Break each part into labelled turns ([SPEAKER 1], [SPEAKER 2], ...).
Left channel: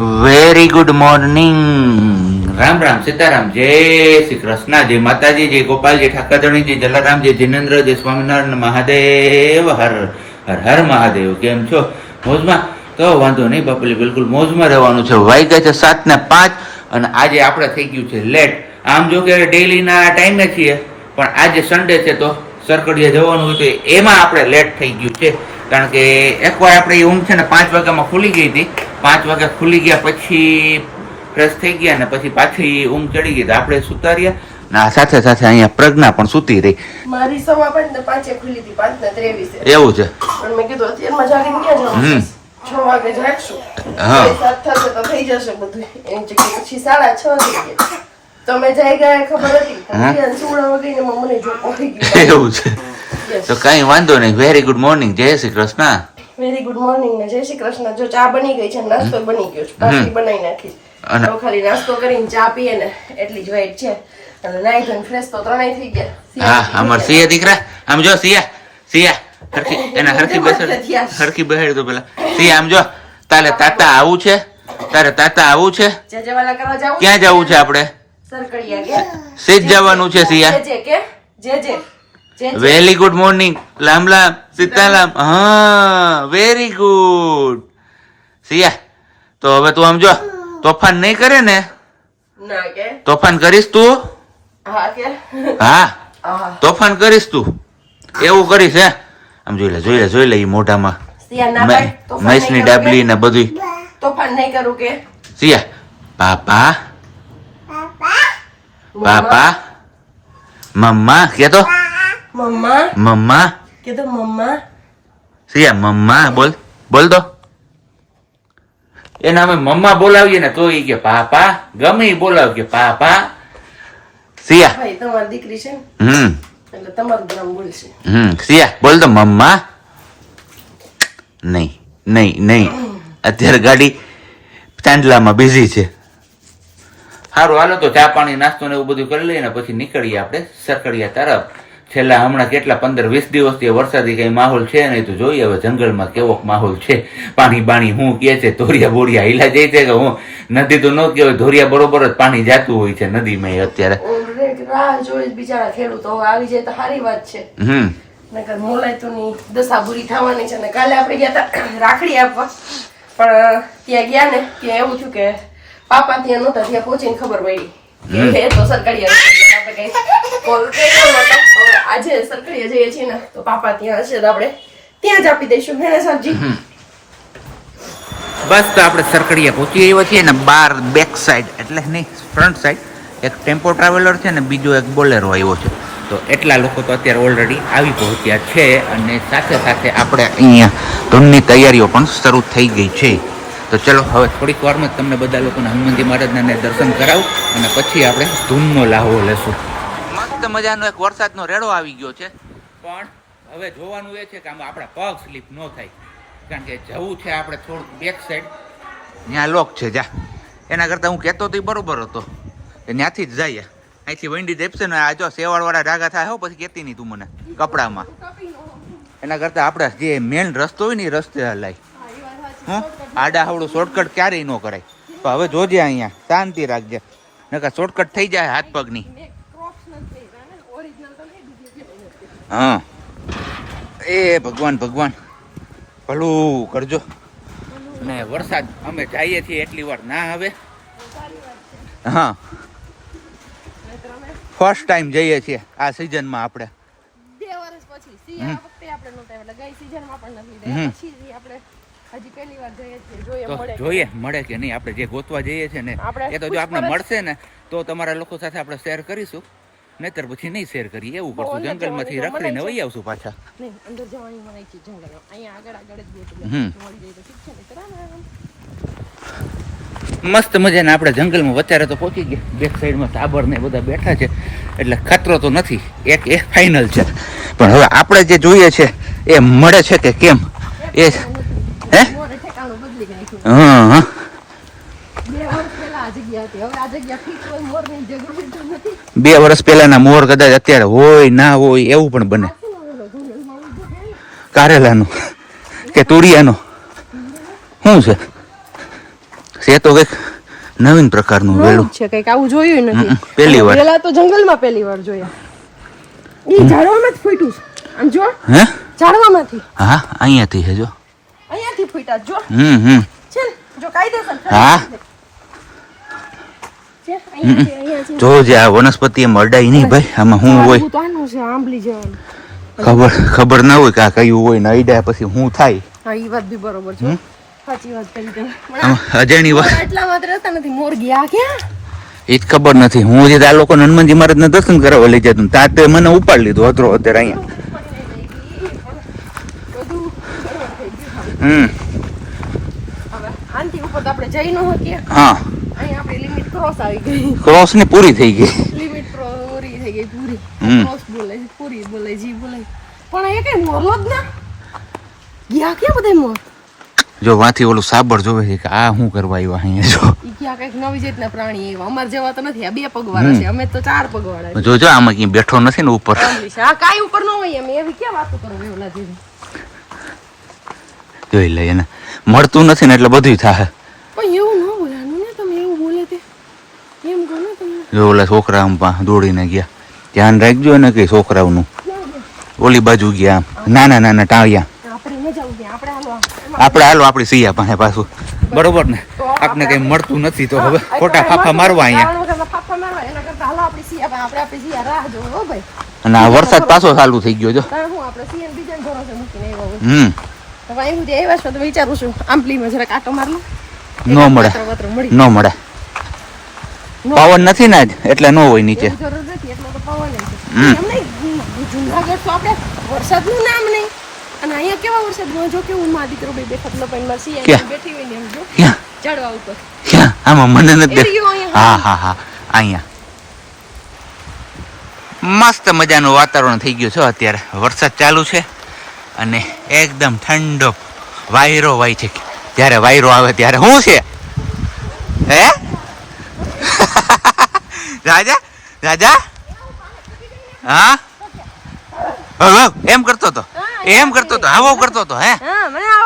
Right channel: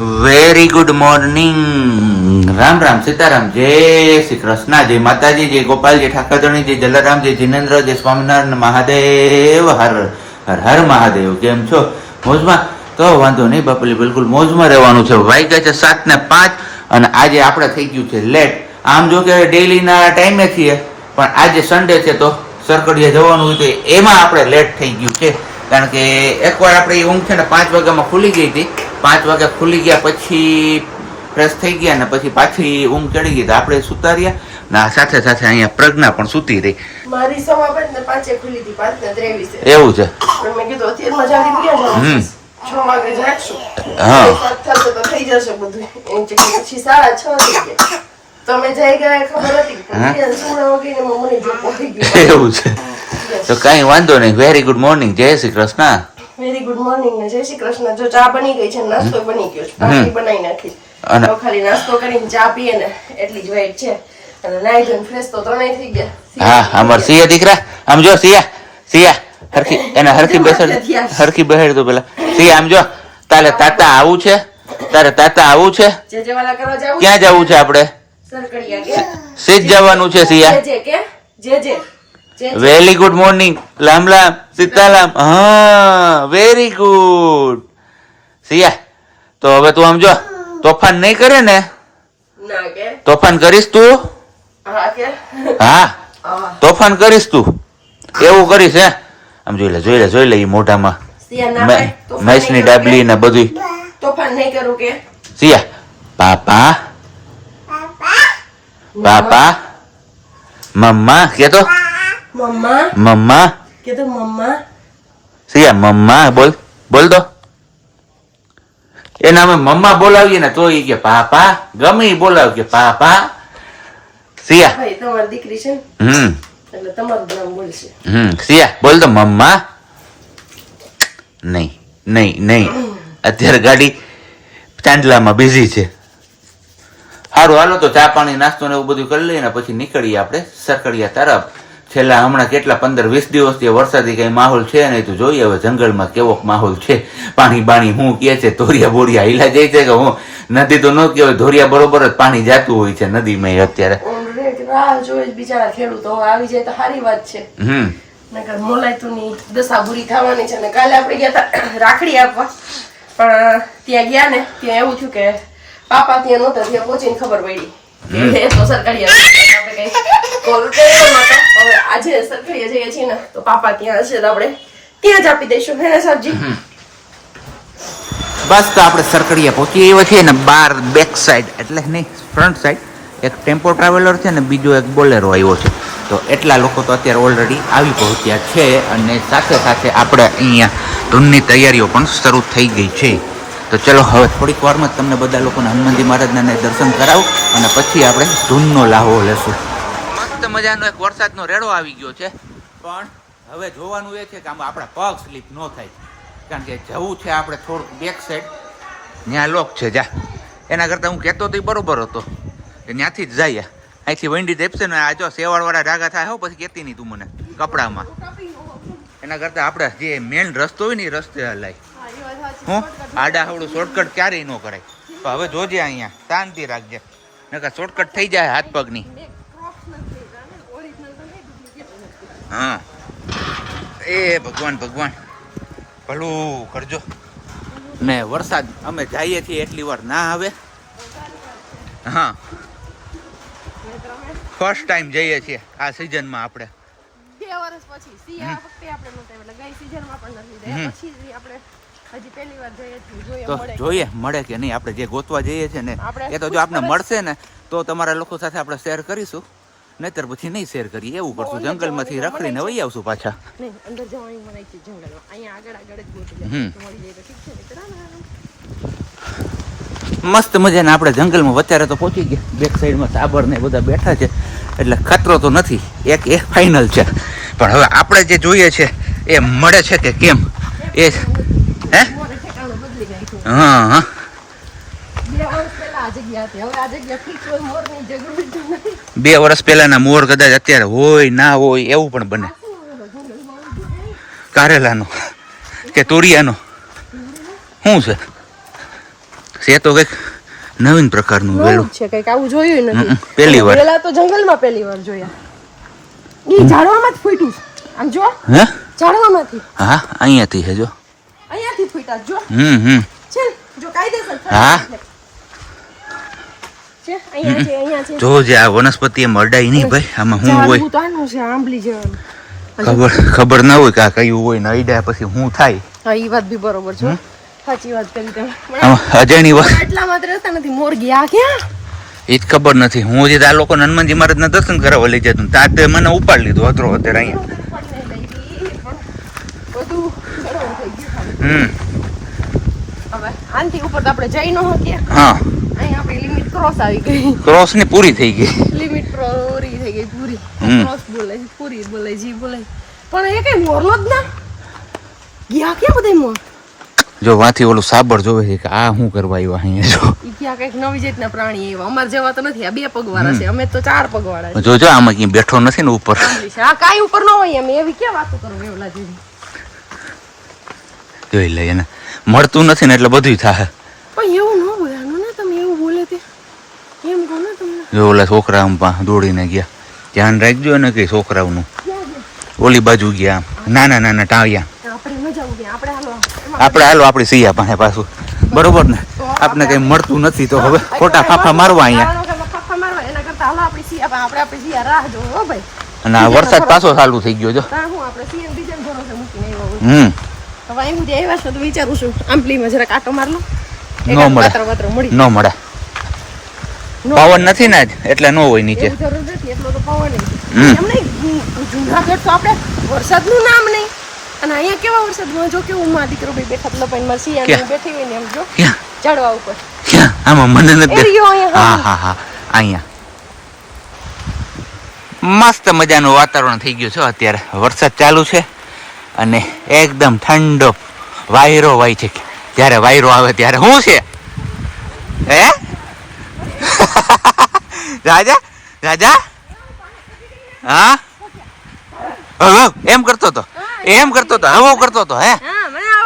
[SPEAKER 1] Very good morning Ram Ram, Sitaram. જય શ્રી કૃષ્ણ. જય માતાજી, જય ગોપાલજી જય જલારામજી જિનેન્દ્રજી સ્વામિનારાયણ મહાદેવ. હર હર હર મહાદેવ. કેમ છો? મોજમાં? તો વાંધો નહીં, બાપલી, બિલકુલ મોજમાં રહેવાનું છે. વાગ્યા છે સાત ને પાંચ અને આજે આપણે થઈ ગયું છે લેટ. આમ જો કે ડેલીના ટાઈમે છીએ, પણ આજે સન્ડે છે તો સરકડીએ જવાનું હોય તો એમાં આપણે લેટ થઈ ગયું છે. કારણ કે એકવાર આપણે એ ઊંઘ છે ને પાંચ વાગ્યામાં ખુલી ગઈ હતી. પાંચ વાગ્યા ખુલી ગયા પછી ફ્રેશ થઈ ગયા ને પછી પાછી ઊંઘ ચડી ગઈ તો આપણે સુતા રહ્યા ને સાથે સાથે અહીંયા પ્રજ્ઞા પણ સૂતી રહી.
[SPEAKER 2] મારી સમા પણ ને પાંચે ખુલી હતી પાંચ ને ત્રેવીસે.
[SPEAKER 1] એવું છે?
[SPEAKER 2] પણ મેં કીધું
[SPEAKER 1] હમ.
[SPEAKER 2] છ વાગે જાગશું.
[SPEAKER 1] હા.
[SPEAKER 2] સાત થશે તો થઈ જશે બધું. એમ છે કે પછી સાડા છ થઈ તમે જઈ ગયા ખબર હતી?
[SPEAKER 1] હા.
[SPEAKER 2] વગેરે મને જો પડી ગયું.
[SPEAKER 1] એવું છે. તો કઈ વાંધો નહીં. વેરી ગુડ મોર્નિંગ જય Shri Krishna.
[SPEAKER 2] Very good morning ને જય શ્રી કૃષ્ણ. જો ચા બની ગઈ છે નાસ્તો બની ગયો છે. પાછી બનાવી નાખી તો ખાલી નાસ્તો કરીને ચા પીએ ને એટલી જ વેઇટ છે. અને નાઈ ધોઈને ફ્રેશ તો ત્રણેય થઈ ગયા.
[SPEAKER 1] હા અમાર સિયા દીકરા? આમ જો સિયા સિયા. હરખી એને હરખી બેસાડ હરખી બેસાડ તો પેલા. સિયા આમ જો તારે તાતા આવું છે. તારે તાતા આવું છે. ક્યાં જવું છે આપણે? સીજ જવાનું છે સિયા.
[SPEAKER 2] જે જે.
[SPEAKER 1] વેરી ગુડ મોર્નિંગ લામ લામ. સીતારામ હા વેરી ગુડ સિયા તો હવે તું આમ જો તોફાન નહીં કરે ને? તોફાન કરીશ તું?
[SPEAKER 2] હા કે.
[SPEAKER 1] હા
[SPEAKER 2] હા.
[SPEAKER 1] તોફાન કરીશ તું. એવું કરીશ હે? આમ જોઈ લે જોઈ લે જોઈ લે એ મોઢામાં. મહેશની ડાબલી ને બધું?
[SPEAKER 2] તોફાન નહીં કરું કે?
[SPEAKER 1] સિયા પાપા. પાપા. મમ્મા. કે તો
[SPEAKER 2] મમ્મા
[SPEAKER 1] મમ્મા
[SPEAKER 2] કીધું મમ્મા
[SPEAKER 1] સિયા મમ્મા બોલ બોલ દો એને અમે મમ્મા બોલાવીએ ને તો ઈ કે પાપા ગમે ઈ બોલાવ કે પાપા સિયા
[SPEAKER 2] ભાઈ તમારી દીકરી છે ને
[SPEAKER 1] હમ
[SPEAKER 2] એટલે તમારું નામ બોલશે
[SPEAKER 1] હમ સિયા બોલ દો મમ્મા નહીં નહીં નહીં અત્યારે ગાડી ચાંદલામાં બિઝી છે સારું હાલો તો ચા પાણી નાસ્તો ને એવું બધું કરી લઈએ ને પછી નીકળીએ આપણે સરકડિયા તરફ છેલ્લા હમણાં કેટલા પંદર વીસ દિવસથી વરસાદી કઈ માહોલ છે નહીં તો જોઈએ હવે જંગલમાં કેવો માહોલ છે. પાણી બાણી હું કે છે ધોરિયા બોરિયા હિલા જાય છે કે હું? નદી તો ન કહેવાય ધોરિયા બરોબર જ પાણી જાતું હોય છે નદીમાં અત્યારે.
[SPEAKER 2] રાહ જોઈ બિચારા ખેડૂતો આવી જાય તો સારી વાત છે.
[SPEAKER 1] હમ.
[SPEAKER 2] નકર મોલાયતુની દશા બુરી થવાની છે ને કાલે આપણે ગયા હતા રાખડી આપવા. પણ ત્યાં ગયા ને ત્યાં એવું થયું કે પાપા ત્યાં નહોતા ત્યાં પહોંચીને ખબર પડી એ તો સરકારી આપણે કઈ કોલ કર્યો નહોતો હવે આજે સરખડીએ જઈએ છીએ ને, તો પાપા ત્યાં હશે તો આપણે ત્યાં જ આપી દઈશું, હે ને સરજી?
[SPEAKER 1] બસ તો આપણે સરકડીએ પહોંચી આવ્યા છીએ ને બાર બેક સાઈડ એટલે નહીં ફ્રન્ટ સાઈડ એક ટેમ્પો ટ્રાવેલર છે ને બીજો એક બોલેરો આવ્યો છે. તો એટલા લોકો તો અત્યારે ઓલરેડી આવી પહોંચ્યા છે અને સાથે સાથે આપણે અહીંયા ધૂનની તૈયારીઓ પણ શરૂ થઈ ગઈ છે. તો ચલો, હવે થોડીક વારમાં જ તમને બધા લોકોને હનુમાનજી મહારાજના દર્શન કરાવું અને પછી આપણે ધૂનનો લાહવો લેશું. મસ્ત મજાનો એક વરસાદનો રેડો આવી ગયો છે. પણ હવે જોવાનું એ છે કે આમાં આપણા પગ સ્લીપ ન થાય. કારણ કે જવું છે આપણે થોડુંક બેક સાઈડ ત્યાં લોક છે જા. એના કરતાં હું કહેતો તો બરોબર હતો. કે ત્યાંથી જ જઈએ. અહીંથી વંડી દેપશે ને આ જો સેવાળવાળા રાગા થાય હો પછી કહેતી નહીં તું મને કપડામાં. એના કરતાં આપણે જે મેઇન રસ્તો હોય ને એ રસ્તે હલાય. હું? આડા હવડું શોર્ટકટ ક્યારેય ન કરાય. તો હવે જોજે અહીંયા. શાંતિ રાખજે. નકર શોર્ટકટ થઈ જાય હાથ પગની. હા. એ ભગવાન ભગવાન. ભલું કરજો. ને વરસાદ અમે જઈએ છીએ એટલી વાર. ના આવે? હા. ફર્સ્ટ ટાઈમ જઈએ છીએ આ સિઝનમાં આપણે.
[SPEAKER 2] બે વર્ષ પછી સિયા વખતે આપણે નહોતા એટલે ગઈ સીઝનમાં પણ નથી. લીધા પછી આપણે વાર જોઈએ છીએ જોઈએ
[SPEAKER 1] તો જોઈએ મળે કે નહીં? આપણે જે ગોતવા જઈએ છીએ ને એ તો જો આપણે મળશે ને તો તમારા લોકો સાથે આપણે શેર કરીશું. નહીતર પછી નહીં શેર કરીએ એવું કરશું. જંગલમાંથી રખડીને વહી આવશું પાછા.
[SPEAKER 2] અંદર જવાની મને છે જંગલમાં. અહીંયા આગળ આગળ જ ગોતવી મળી જાય તો ઠીક છે નહીં તો રામ રામ.
[SPEAKER 1] મસ્ત મજાને આપણે જંગલમાં વચારે તો પહોંચી ગયા. બેક સાઈડમાં સાબર ને બધા બેઠા છે. એટલે ખતરો તો નથી. એક એ ફાઇનલ છે. પણ હવે આપણે જે જોઈએ છે એ મળે છે કે કેમ? એ હે? હા હા.
[SPEAKER 2] બે વર્ષ પહેલા
[SPEAKER 1] પહેલાના મોર કદાચ અત્યારે હોય ના હોય એવું પણ બને? કારેલાનું કે તુરિયાનો? શું છે? છે તો કંઈક નવીન પ્રકારનું વેલું.
[SPEAKER 2] છે કંઈક આવું જોયું નથી.
[SPEAKER 1] પહેલી વાર.
[SPEAKER 2] પેલા તો જંગલમાં પહેલી વાર જોયા. એ ઝાડવામાં જ ફૂટ્યું છે. આમ જો
[SPEAKER 1] હે?
[SPEAKER 2] ઝાડવામાંથી.
[SPEAKER 1] હા અહીંયાથી હે જો.
[SPEAKER 2] અહીંયાથી ફૂટ્યા જો.
[SPEAKER 1] હમ હમ.
[SPEAKER 2] છે જો કાયદેસર
[SPEAKER 1] હા.
[SPEAKER 2] છે અહીંયા છે અહીંયા છે
[SPEAKER 1] જો જે આ વનસ્પતિ એમ અડાય નહીં ભાઈ આમાં શું હોય.
[SPEAKER 2] તો
[SPEAKER 1] ખબર ખબર ના હોય કે આ કયું હોય ને અડ્યા પછી શું થાય.
[SPEAKER 2] હા એ વાત બી બરોબર છે. સાચી વાત કરી તમે.
[SPEAKER 1] અજાણી વાત.
[SPEAKER 2] આટલા માત્ર રહેતા નથી મોર ગયા ક્યાં?
[SPEAKER 1] એ જ ખબર નથી. હું જે આ લોકોને હનુમાનજી મહારાજને દર્શન કરાવવા લઈ જતું ત્યાં તે મને ઉપાડી લીધો હતો અત્યારે અહીંયા.
[SPEAKER 2] તો
[SPEAKER 1] હા.
[SPEAKER 2] અહીંયા આપણી લિમિટ ક્રોસ આવી ગઈ.
[SPEAKER 1] ક્રોસ ને પૂરી થઈ ગઈ.
[SPEAKER 2] લિમિટ પૂરી થઈ ગઈ પૂરી. ક્રોસ બોલે પૂરી બોલે જી બોલે પણ એ કઈ મોરલો જ ના. ગયા ક્યાં બધા મોર
[SPEAKER 1] જો વાથી ઓલું સાબર જોવે છે કે આ શું કરવા આવ્યો અહીંયા જો.
[SPEAKER 2] ઈ ક્યાં કંઈક નવી જાતના પ્રાણી આવ્યા. અમાર જેવા તો નથી આ બે પગવાળા છે. અમે તો ચાર પગવાળા છે.
[SPEAKER 1] જોજો આમાં કઈ બેઠો નથી ને ઉપર.
[SPEAKER 2] આ કાંઈ ઉપર ન હોય અમે એવી ક્યાં વાતો કરો એવલા જેવી?
[SPEAKER 1] જોઈ લે એને મળતું નથી ને એટલે બધું થાય.
[SPEAKER 2] પણ એવું ન બોલાનું ને તમે એવું બોલે તે એમ કહો ને તમને
[SPEAKER 1] જો ઓલા છોકરા આમ પા દોડીને ગયા. ધ્યાન રાખજો ને કે છોકરાઓનું. ઓલી બાજુ ગયા નાના નાના ટાળિયા.
[SPEAKER 2] આપણે હાલો
[SPEAKER 1] આપણે સિયા પાસે પાછું. બરોબર ને? આપણે કઈ મળતું નથી તો હવે ખોટા ફાફા મારવા અહીંયા. અને આ વરસાદ પાછો ચાલુ થઈ ગયો જો. હમ.
[SPEAKER 2] હવે અહીં સુધી આવ્યા છો તો વિચારું છું આંબલીમાં જરાક આટો માર લો.
[SPEAKER 1] નો મળી. ન મળે.
[SPEAKER 2] નો.
[SPEAKER 1] નથી ને એટલે ન હોય નીચે.
[SPEAKER 2] જરૂર નથી એટલો તો. એમ નહીં જુનાગઢ તો આપણે વરસાદનું નામ નહીં. અને અહીંયા કેવા વરસાદમાં જો કેવું માં દીકરો બેઠા લપાઈમાં સિયા
[SPEAKER 1] ક્યાં?
[SPEAKER 2] બેઠી હોય ને એમ જો
[SPEAKER 1] ક્યાં?
[SPEAKER 2] ચડવા ઉપર.
[SPEAKER 1] ક્યાં? આમાં મને નથી. હા હા હા. અહીંયા. મસ્ત મજાનું વાતાવરણ થઈ ગયું છે અત્યારે. વરસાદ ચાલુ છે અને એકદમ ઠંડો વાયરો વાય છે. જ્યારે વાયરો આવે ત્યારે શું છે? હે? રાજા? રાજા? હા? હવ, એમ કરતો હતો. એમ કરતો હતો હવો કરતો હતો હે?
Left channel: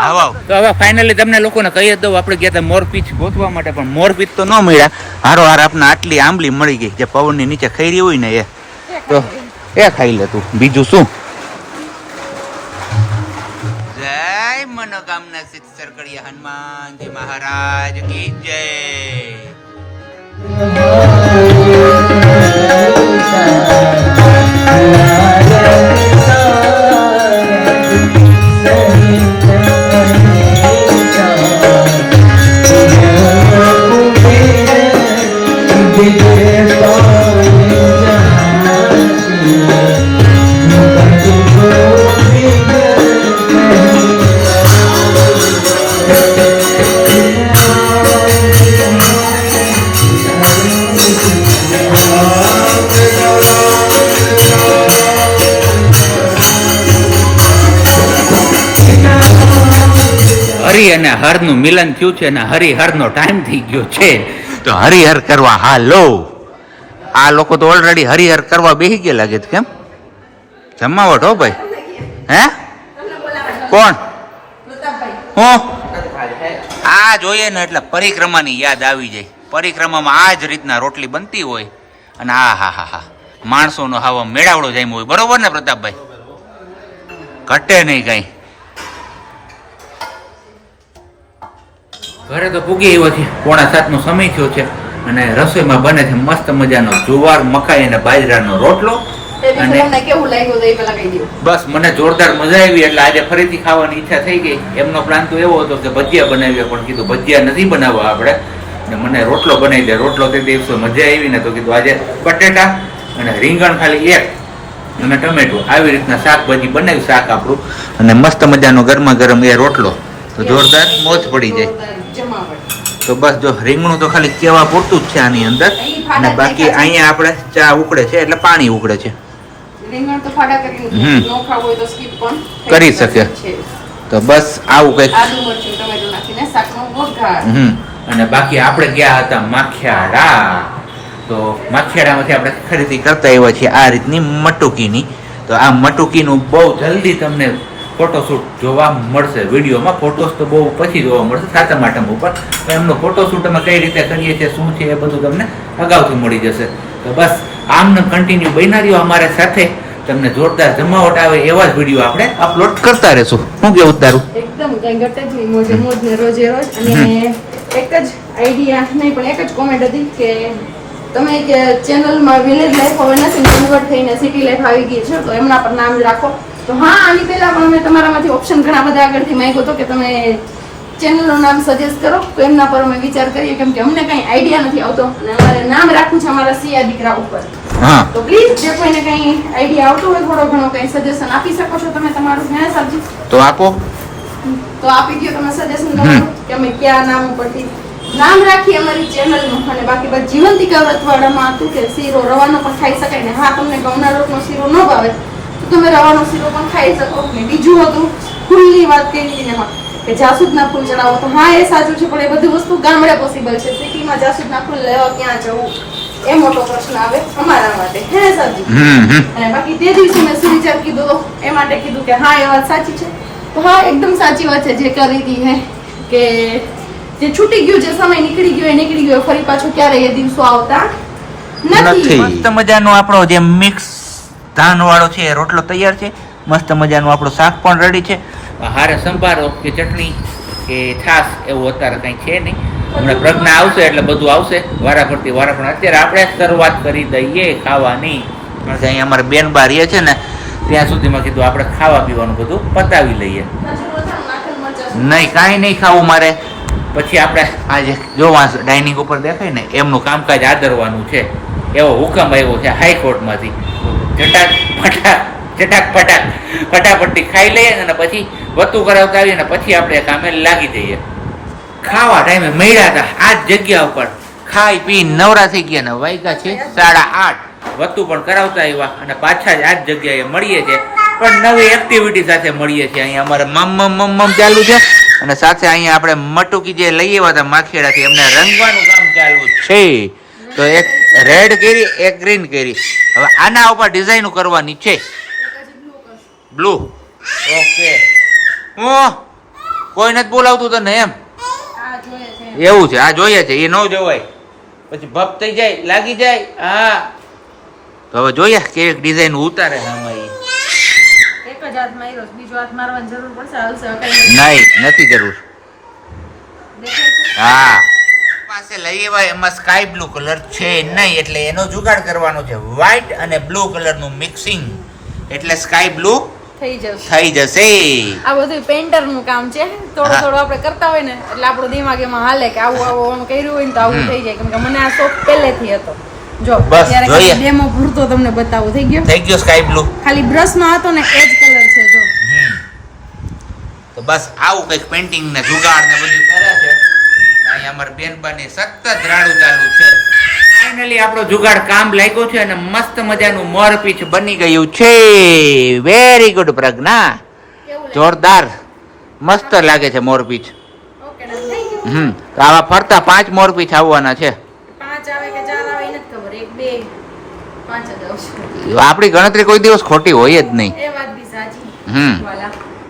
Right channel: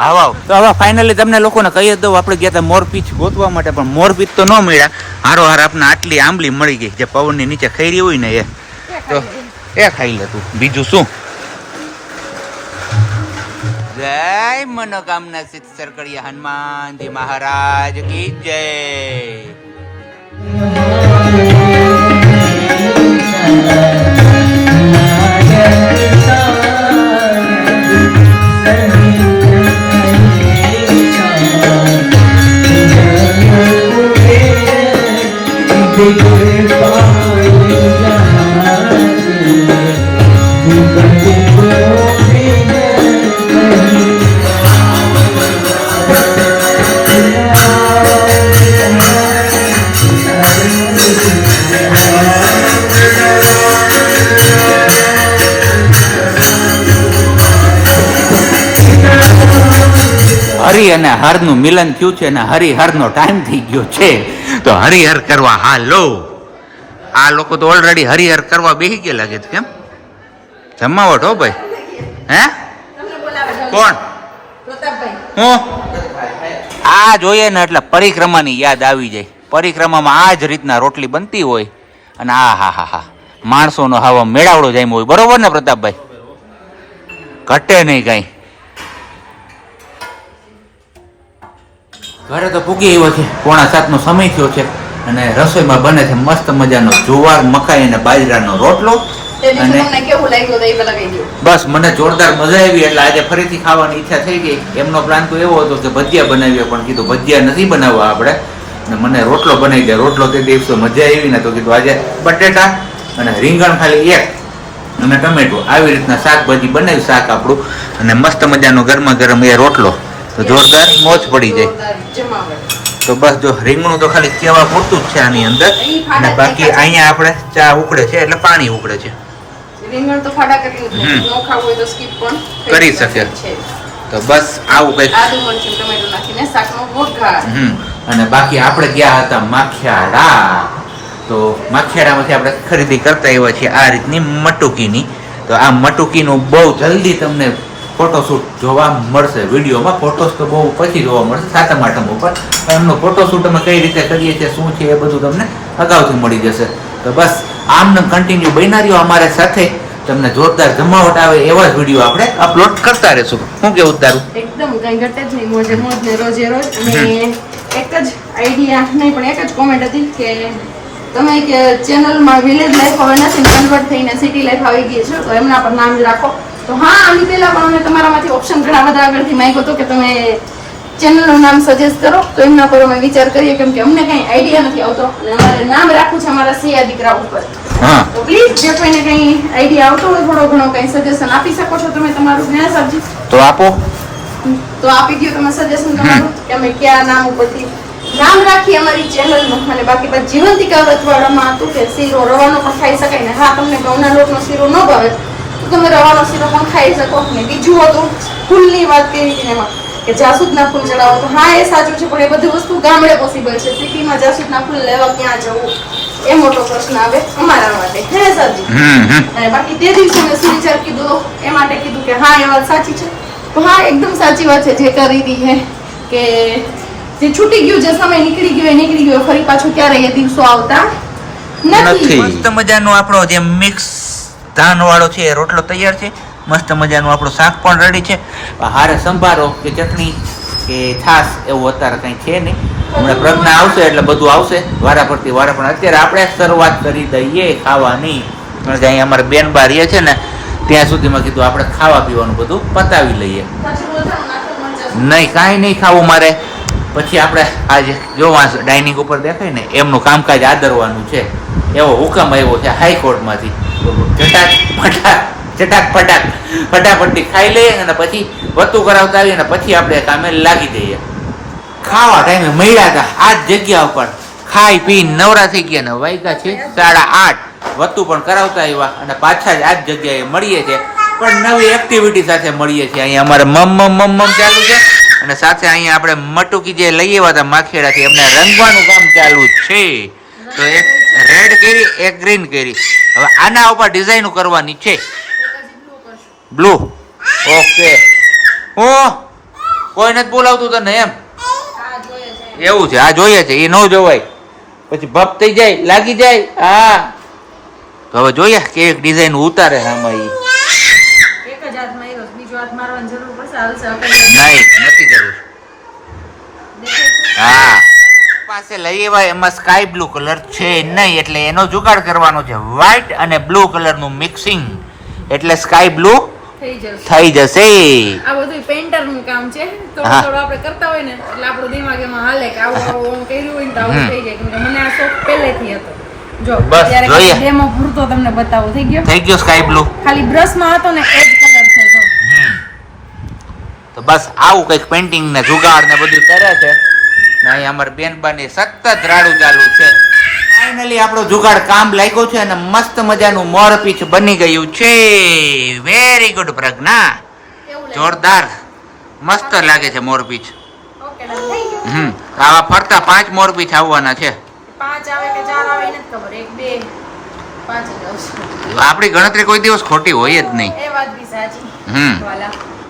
[SPEAKER 2] આવો.
[SPEAKER 1] તો હવે ફાઇનલી તમને લોકોને કહી દઉં આપણે ગયા હતા મોરપીચ ગોતવા માટે પણ મોરપીચ તો ન મળ્યા. હારો હાર આપણે આટલી આંબલી મળી ગઈ જે પવનની નીચે ખૈરી હોય ને એ.
[SPEAKER 2] એ
[SPEAKER 1] તો
[SPEAKER 2] ખાઈ લે.
[SPEAKER 1] એ ખાઈ લો તું. બીજું શું? જય મનોકામના સિદ્ધ સરકડિયા હનુમાનજી મહારાજ કી જય. અને હરનું મિલન થયું છે અને હરિહરનો ટાઈમ થઈ ગયો છે. તો હરિહર કરવા હાલો આ લોકો તો ઓલરેડી હરિહર કરવા બેસી ગયા લાગે છે કેમ? જમાવટ હો ભાઈ. હે. કોણ? હું? આ જોઈએ ને એટલે પરિક્રમાની યાદ આવી જાય. પરિક્રમામાં આ જ રીતના રોટલી બનતી હોય. અને આ હા હા હા. માણસોનો હાવ મેળાવડો જાય હોય. બરોબર ને પ્રતાપભાઈ? ઘટે નહીં કઈ. ઘરે તો પૂગી આવ્યો છે. પોણા સાતનો સમય થયો છે અને રસોઈમાં બને છે મસ્ત મજાનો જુવાર મકાઈ અને બાજરાનો રોટલો અને બસ મને જોરદાર મજા આવી એટલે આજે ફરીથી ખાવાની ઈચ્છા થઈ ગઈ. એમનો પ્લાન તો એવો હતો કે ભજીયા બનાવીએ પણ કીધું ભજીયા નથી બનાવવા આપણે. અને મને રોટલો બનાવી દે રોટલો તે દિવસે મજા આવી ને તો કીધું આજે બટેટા અને રીંગણ ખાલી એક અને ટમેટું. આવી રીતના શાકભાજી બનાવી શાક આપણું. અને મસ્ત મજાનો ગરમા ગરમ એ રોટલો. તો જોરદાર મોજ પડી જાય. તો બસ જો રીંગણું તો ખાલી કેવા પૂરતું જ છે આની અંદર. અને બાકી અહીંયા આપણે ચા ઉકળે છે એટલે પાણી ઉકળે છે.
[SPEAKER 2] કરી શકે.
[SPEAKER 1] તો બસ આવું હમ. અને બાકી આપણે ગયા હતા માખિયાળા. તો માખિયાળામાંથી આપણે ખરીદી કરતા આવ્યા છીએ આ રીતની મટુકીની. તો આ મટુકીનું બહુ જલ્દી તમને ફોટોશૂટ જોવા મળશે. વિડીયોમાં ફોટોસ તો બહુ પછી જોવા મળશે સાતમ આઠમ ઉપર. પણ એમનો ફોટોશૂટ અમે કઈ રીતે કરીએ છીએ શું છે એ બધું તમને અગાઉથી મળી જશે. તો બસ આમને કન્ટિન્યુ રહ્યો અમારે સાથે. તમને જોરદાર જમાવટ આવે એવા જ વીડિયો આપણે અપલોડ કરતા રહેશું. શું કેવું તારું?
[SPEAKER 2] એકદમ કઈ ઘટે જ નહીં મોજે મોજ ને રોજે રોજ. અને એક જ આઈડિયા નહીં પણ એક જ કોમેન્ટ હતી કે તમે કે ચેનલમાં વિલેજ લાઈફ હવે નથી કન્વર્ટ થઈને સિટી લાઈફ આવી ગઈ છે તો એમના પર નામ જ રાખો. તો હા આની પહેલા પણ અમે તમારામાંથી ઓપ્શન ઘણા બધા આગળથી માંગ્યો હતો કે તમે ચેનલનું નામ સજેસ્ટ કરો. તો એમના પર અમે વિચાર કરીએ કેમ કે અમને કઈ આઈડિયા નથી આવતો અને અમારે નામ રાખવું છે અમારા સિયા દીકરા ઉપર. તો પ્લીઝ જે કોઈને કઈ આઈડિયા આવતો હોય થોડો ઘણો કઈ સજેશન આપી શકો છો તમે તમારું જ્ઞાન સાજી
[SPEAKER 1] તો આપો.
[SPEAKER 2] તો આપી દો તમે સજેશન તમારું કે અમે કયા નામ ઉપરથી નામ રાખી અમારી ચેનલનું અને બાકી બસ જીવંતિકા વ્રતવાડામાં હતું કે શીરો રવાનો પણ ખાઈ શકાય ને. હા તમને ઘઉંના લોટનો શીરો ન ભાવે. તમે રવાનો શીરો પણ ખાઈ શકો. ને બીજું હતું ફૂલની વાત કરી હતી એમાં કે જાસૂદના ફૂલ ચડાવો. તો હા એ સાચું છે પણ એ બધી વસ્તુ ગામડે પોસિબલ છે. સિટીમાં જાસૂદના ફૂલ લેવા ક્યાં જવું? એ મોટો પ્રશ્ન આવે અમારા માટે. હે સરજી અને બાકી તે દિવસે મેં સુવિચાર કીધો એ માટે કીધું કે હા એ વાત સાચી છે. તો હા એકદમ સાચી વાત છે જે કરી હતી હે કે જે છૂટી ગયું જે સમય નીકળી ગયો એ નીકળી ગયો ફરી પાછું ક્યારે એ દિવસો આવતા નથી.
[SPEAKER 1] મસ્ત મજાનો આપણો જે મિક્સ ધાન વાળો છે એ રોટલો તૈયાર છે. મસ્ત મજાનું આપણું શાક પણ રેડી છે. હારે સંભારો કે ચટણી કે છાશ એવું અત્યારે કંઈ છે નહીં. હમણાં પ્રજ્ઞા આવશે એટલે બધું આવશે. વારા પરથી વારા પણ અત્યારે આપણે શરૂઆત કરી દઈએ ખાવાની. કારણ કે અહીંયા અમારે બેન બાર રહે છે ને ત્યાં સુધીમાં કીધું આપણે ખાવા પીવાનું બધું પતાવી લઈએ. નહીં કાંઈ નહીં ખાવું મારે. પછી આપણે આજે જોવા ડાઇનિંગ ઉપર દેખાય ને, એમનું કામકાજ આદરવાનું છે. એવો હુકમ આવ્યો છે હાઈકોર્ટમાંથી ચટાક ફટાક ચટાક ફટાક ફટાફટથી ખાઈ લઈએ અને પછી વતું કરાવતા આવીએ ને પછી આપણે કામે લાગી જઈએ. ખાવા ટાઈમે મળ્યા હતા આ જ જગ્યા ઉપર. ખાઈ પી નવરા થઈ ગયા ને વાગ્યા છે સાડા આઠ. વતું પણ કરાવતા આવ્યા અને પાછા જ આ જ જગ્યાએ મળીએ છીએ. પણ નવી એક્ટિવિટી સાથે મળીએ છીએ. અહીંયા અમારે મમ મમ મમ મમ ચાલુ છે. અને સાથે અહીંયા આપણે મટુકી જે લઈ આવ્યા હતા માખેડાથી એમને રંગવાનું કામ ચાલુ છે. તો એક રેડ કેરી, એક ગ્રીન કેરી. હવે આના ઉપર ડિઝાઇન કરવાની છે. બ્લુ ઓકે ઓ, કોઈ નથી બોલાવતું તને એમ? એવું છે, આ જોઈએ છે, એ ન જોવાય. પછી ભપ થઈ જાય, લાગી જાય, હા. તો હવે જોઈએ કેવી ડિઝાઇન ઉતારે આમાં
[SPEAKER 2] એક જ હાથ માર્યો બીજો હાથ મારવાની જરૂર પડશે. હાલશે
[SPEAKER 1] નહીં નથી જરૂર. હા. પાસે લઈ એવા એમાં સ્કાય બ્લુ કલર છે નહીં એટલે એનો જુગાડ કરવાનો છે. વ્હાઈટ અને બ્લુ કલરનું મિક્સિંગ એટલે સ્કાય બ્લુ
[SPEAKER 2] થઈ જશે. આ બધું પેન્ટરનું કામ છે. થોડું. થોડું આપણે કરતા હોય ને એટલે આપણું દિમાગ એમાં હાલે કે આવું આવું આમ કર્યું હોય ને તો આવું. થઈ જાય. કેમ કે મને આ શોખ પહેલેથી હતો. જો
[SPEAKER 1] બસ, જોઈએ.
[SPEAKER 2] ડેમો પૂરતો તમને બતાવું. થઈ ગયો?
[SPEAKER 1] થઈ ગયો સ્કાય બ્લુ
[SPEAKER 2] ખાલી બ્રશમાં હતો ને એ જો
[SPEAKER 1] તો બસ આવું કંઈક પેઇન્ટિંગ ને જુગાડ ને બધું કરે છે. ને અહીં અમારી બેનબાની સતત રાડું ચાલુ છે. ફાઇનલી આપણો જુગાડ કામ લાગ્યો છે અને મસ્ત મજાનું મોરપીછ બની ગયું છે. Very good Pragya. જોરદાર. મસ્ત લાગે છે.
[SPEAKER 2] થઈ ગયું.
[SPEAKER 1] હમ આવા ફરતા પાંચ મોરપીછ આવવાના છે. આપણી ગણતરી કોઈ દિવસ ખોટી હોય જ નહીં. હમ.